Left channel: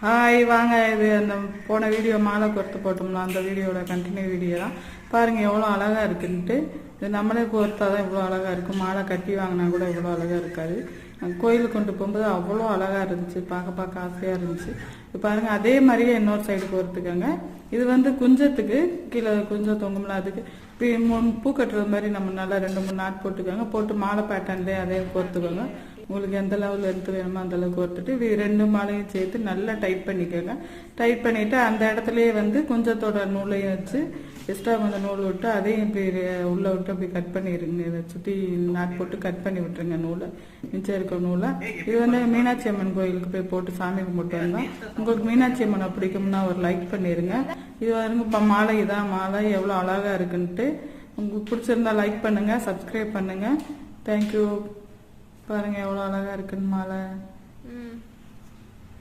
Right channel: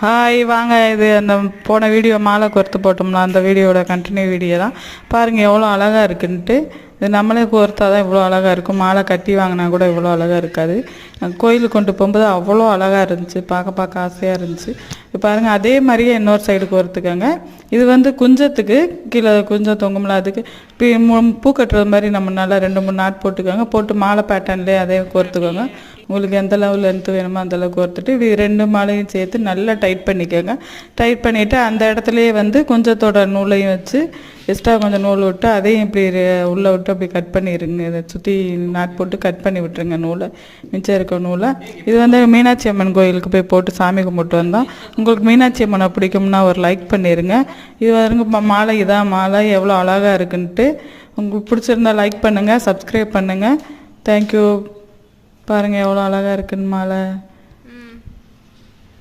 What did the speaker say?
Hi வாங்க, இது அந்த போன வீடியோ மாலை கோர்த்து போட்டோம்னா அந்த வீடியோட கண்டினியூ வீடியோ தான். பாருங்கள் எவ்வளோ அழகாக இருக்குன்ட்டு. இது நம்மளே கோர்த்தா தான் இவ்வளோ அழகாக இருக்கும். மாலை கட்டி வாங்கினா கூட இவ்வளோ அழகாக இருக்காது. கோயிலுக்கு கொண்டு போகும்போது அவ்வளோ அழகாக இருந்துச்சு, பார்க்க ஆசையாக இருந்துச்சு. இப்போ பாருங்கள் அதே மாதிரியே இன்னொரு சைடு கோர்த்துக்கோங்க. இது குஞ்சத்துக்கு கீழே குஞ்சம் தொங்கும்ல, அதுக்கு பூ கட்டுறது மாதிரி நம்ம நல்லா 2-3 நாட் போட்டுக்கோங்க. போட்டு மாலை பேட்டர்ன்லேயே அதே கோர்த்துக்கோங்க. உங்களுக்கு எந்த லெவல் லென்த்து வேணுமோ அந்தளவு கோர்த்துட்டு இது 2 மாலையும் சேர்த்து நல்லா டைட் பண்ணிக்கோங்க. டைட் பண்ணிவிட்டு அந்த இடத்துலையே கொஞ்சத்தோட நூலையும் வச்சு எக்ஸ்ட்ரா கொஞ்சம் நூல் விட்டு அதையும் இப்படி உள்ளே விட்டு அப்படி கட் பண்ணிடுங்க. இதை சுற்றி நாட் போட்டு கட் பண்ணி விட்டுருங்க நூலை, மிச்சம் இருக்க நூலை. இது மீனாட்சி அம்மன் கோயிலுக்கு போய் போட்டு சாமி கும்பிட்டு வந்தோம். உங்களுக்கு மீனாட்சி அம்மனை பிடிக்கும்னா ஒரு லைக் பண்ணிடுங்க. இது மாலை, இதான் மாலை எவ்வளோ அழகாக இருக்குன்ட்டு. உங்களுக்கு பிடிச்சிருந்தா லைக் பண்ணுங்கள், சப்ஸ்கிரைப் பண்ணுங்கள். தேங்க்யூ. பாருங்கள் எவ்வளோ அழகாக இருக்குன்னு மாலை.